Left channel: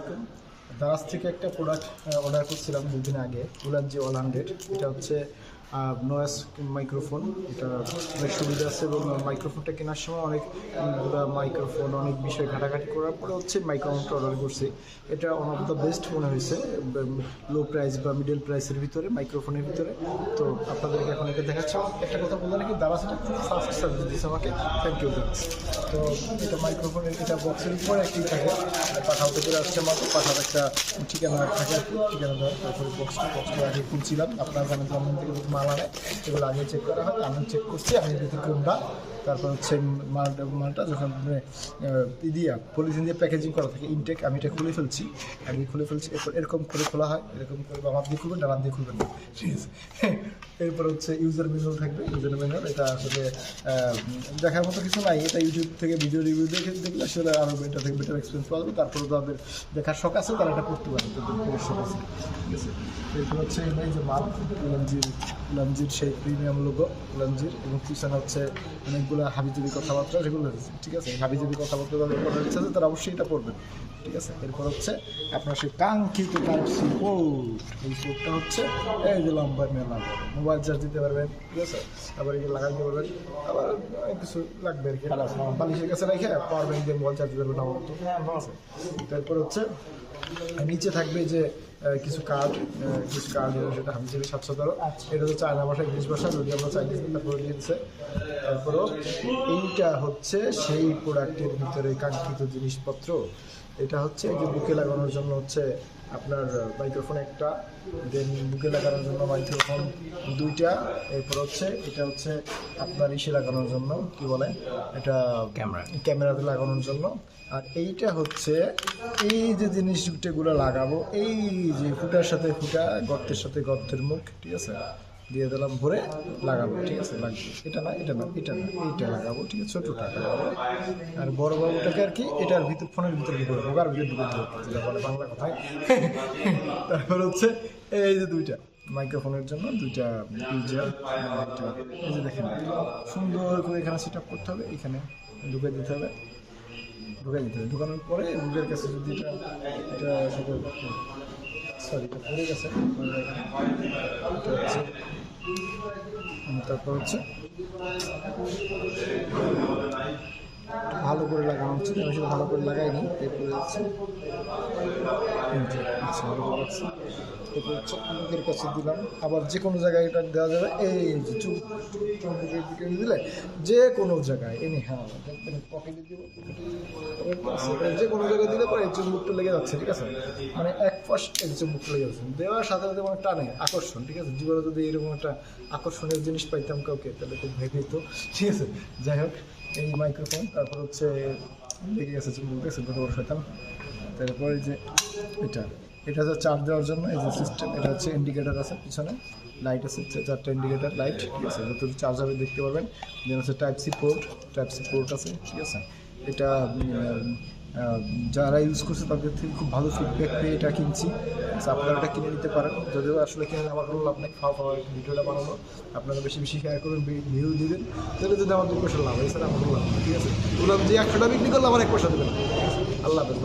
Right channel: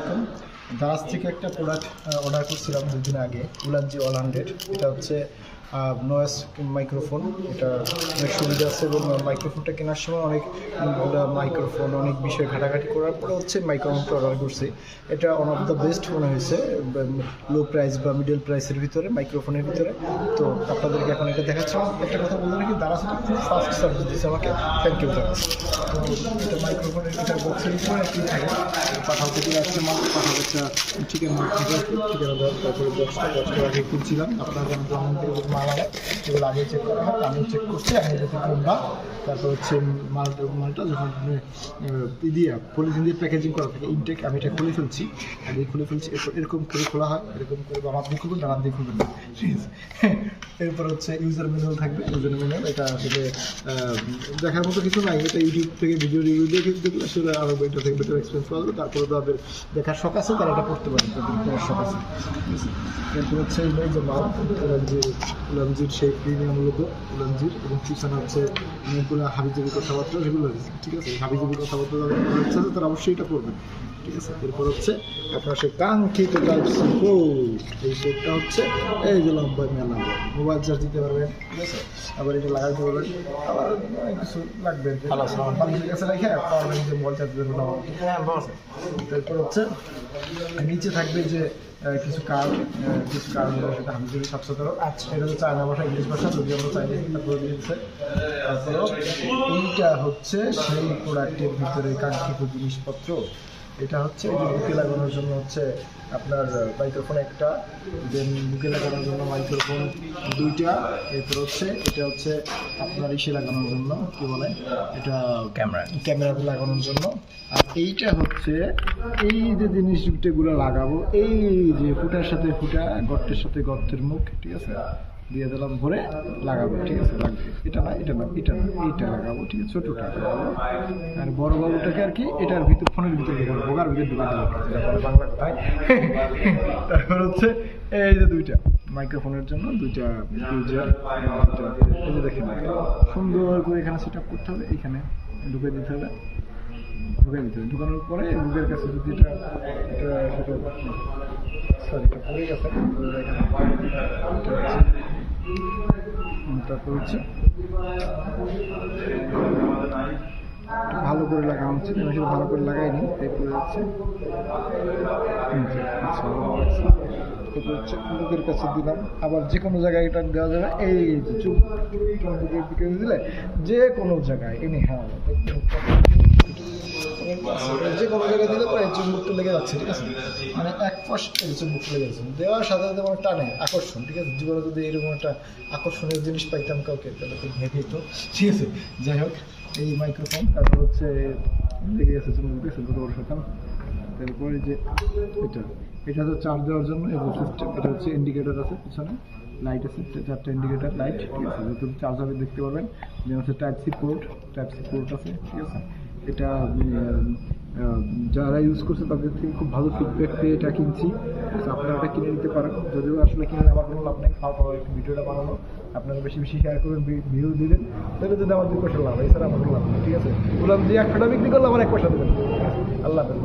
আলাইকুম। দারাজ থেকে একটা প্রোডাক্ট অর্ডার করছিলাম 2 দিন আগে, উলানজি 100। এটা হচ্ছে নয়েজ মাইক্রোফোন। এটা অনেক সুবিধা আছে এবং মাইক্রোফোনটা কেনার সময় অনেকগুলো মাইক্রোফোন অনেক বিষয় ঘাটাঘাটি করার পরে হচ্ছে মাইক্রোফোনটা অর্ডার করছি। এটা ওয়ান অফ দ্য বেস্ট মনে হয়েছে লো প্রাইস বা মিডল প্রাইসের ভিতরে, মাইক্রোফোনের ভিতরে। তো আপনাদেরকে এখন এটা দেখাচ্ছি। একটা কথা বলতে নাকি দারাজ খুব ফাস্ট সার্ভিস দিচ্ছে আমাকে, থ্যাংক ইউ দারাজ। তো এটা মাইক্রোফোনের এটা বক্সের উপরে কী থাকে, পাঠাতে করে আসছে মাত্র পাঠার একটা ঠিকানা থাকে, ঠিকানা বক্সটা আগে কিনছিলাম। আপনারা জানেন যেমন থেকে মাল আনে সেগুলো আগে চেক করা হয়, আমিও চেক করছি। আমি যদি কোনটা, তারপর হচ্ছে মালটা যখন দিয়া পলিথিন দিয়ে প্যাকেজিং করা থাকে ইনটেক, আমি এটা খুলে ফেলছি, আগে খুলে ফেলছি। এরপর এরকম করে খোলা হয়, এরকম করে আমার দিয়ে খুলবেন, ডানার দিয়ে খুলবেন না, ঠিক আছে। এরপর হচ্ছে ইউজার ম্যানুয়াল থাকবে। ইউজার ম্যানুয়াল এটা আসলে দেখার মতো কিছু নাই, এটা ইউটিউব থেকে ভিডিও রিভিউ দেখে দেখলে আসলে আরও এটা থেকে বেটার এক্সপিরিয়েন্স পাওয়া যাবে। তারপরে তাদের দেখার শখ আছে, তারা এটা পড়তে পারে, তাদের পড়ার শখ আছে, ঠিক আছে। এরপর হচ্ছে এই যে মাল উলানজির সেই প্রিমিয়াম লোগো উলানজির, এবং পিছনে হচ্ছে অনেকগুলো হাবিজাবি কথাবার্তা, সেগুলো রয়েছে, ঠিক আছে। হাবিজাবি কথাবার্তা যাদের ইচ্ছা আছে তারা অবশ্যই এটা করবেন, ঠিক আছে। এরপর হচ্ছে আপনার সেই কাঙ্ক্ষিত কোড, এই কোডটা হচ্ছে এই যে লম্বা মেলা মোবাইল চার্জ দিতে পারবেন, ঠিক আছে। আবার এটা লাগাইতে পারবেন, আবার অনেক কিছু লাগবে, বালিশের কাছে রেখে পাওয়ার যে মোবাইল চার্জ দেবেন। তারপর হচ্ছে নিচে থাকবে যে কিছু কার্ড সেটা হাবিজাবি 717। আচ্ছা, এটা হচ্ছে চায়না ভাষা, ইংলিশ ভাষা, যদি আমরা চাইনিজ করে দিয়েছে। তারপরেও এইটা হচ্ছে সেই প্রোডাক্টের ভিতরে কাঙ্ক্ষিত জিনিসপত্র। এটা হচ্ছে এই যে বুকে লাগানোর জন্য হচ্ছে আপনার মাইক্রোফোন একটা, দেন বুকে লাগানোর জন্য মাইক্রোফোন 2টা। এরপর হচ্ছে এটা হচ্ছে আপনার ইসে লাগানোর জন্য, কি বলে এটা, ক্যামেরাতে লাগানোর জন্য। আর এইটা হচ্ছে এই যে জিনিসগুলো লাগাবো, এই যে ফুটার সাথে ফুটা, গর্তের সাথে গর্তের মুখ, ঠিক আছে, দিয়ে দিলাম, ভরে লাগাবো, ঠিক আছে। লাগবে এটা না, এটা না, এইটা লাগাবো, ঠিক আছে। ছোটোটা লাগাবো, আর বড় বাবুটাকে আর কি এটার ভিতর, ফোনের ভিতরে ঢুকাবো, ভোগার ভিতরে ঢুকাতে হবে বাংলা কথায়। তারপর হচ্ছে এই যে 2টা মাইক্রোফোনের জন্য 2টা ইউজার, এই যে দেখেন সুন্দর করে এখানে সেট আপ করতে হবে, এখানে ঢুকে দিতে হবে, ঢুকানোর পরে বুকের কাছে যদি এটা সেটা সরি এটা পড়ে গেছে, তারপর হচ্ছে ভালো করে লাগানো উচিত, আমি সেটা ভালো করে লাগাইনি, তাই পড়ে যাচ্ছে। আচ্ছা, তারপর হচ্ছে বুকের কাছে দিলাম, আবার যে কোনো জায়গায় এটা দেওয়া যাবে, এই যে চুপ বুকের দিকে দিলে যে কোনো জায়গায় এনে, হ্যাঁ যে কোনো জায়গায় দিলে পরে চুম্বকটা লেগে যাচ্ছে, ঠিক আছে। মানে এক ফার্স্ট এই চুম্বকটা লেগে যাচ্ছে, দেওয়ার সাথে সাথে মানে টানে আকর্ষণ, ঠিক আছে। জীবনে যদি এরকম একটা আকর্ষণীয় জিনিস পাইতাম কাউকে, তাহলে খুব ভেবে তো, ঠিক আছে। যাই হোক, এই মাইক্রোফোন, তারপর হচ্ছে লেগে গেছে চুম্বক, গেছে পেতাম। তারপরে যে এটা হচ্ছে চার্জ দেওয়ার জন্য এই যে সিস্টেম, এটা হচ্ছে ইন্ডিকেটার আছে, পিছনে লাইট আছে, 4টা ইন্ডিকেটার লাইট, ঠিক আছে। যত চার্জারে দেখতে পাবেন, যেন হচ্ছে টাইপ সি পোর্ট আছে, ঠিক আছে। এটা যারা ইউজ করছে তাদের থেকে খুব ভালো ফিডব্যাক পেয়ে এটা কিনছি। আপনারা এটা কিনে নিতে পারেন, যদিও আসলে কিনে আমার কোনো লাভ নেই, ভিডিওটা বানানো, আপনারা বেশি বেশি শেয়ার করবেন, ভিউ দিবেন, তাহলে যদি আমার 2 পয়সা লাভ হয়, এছাড়া আমার কোনো লাভ নেই, ঠিক আছে। বললাম যে 100টা বিক্রি করলে আমার 1 পয়সা দেবেন, আল্লাহ হাফেজ।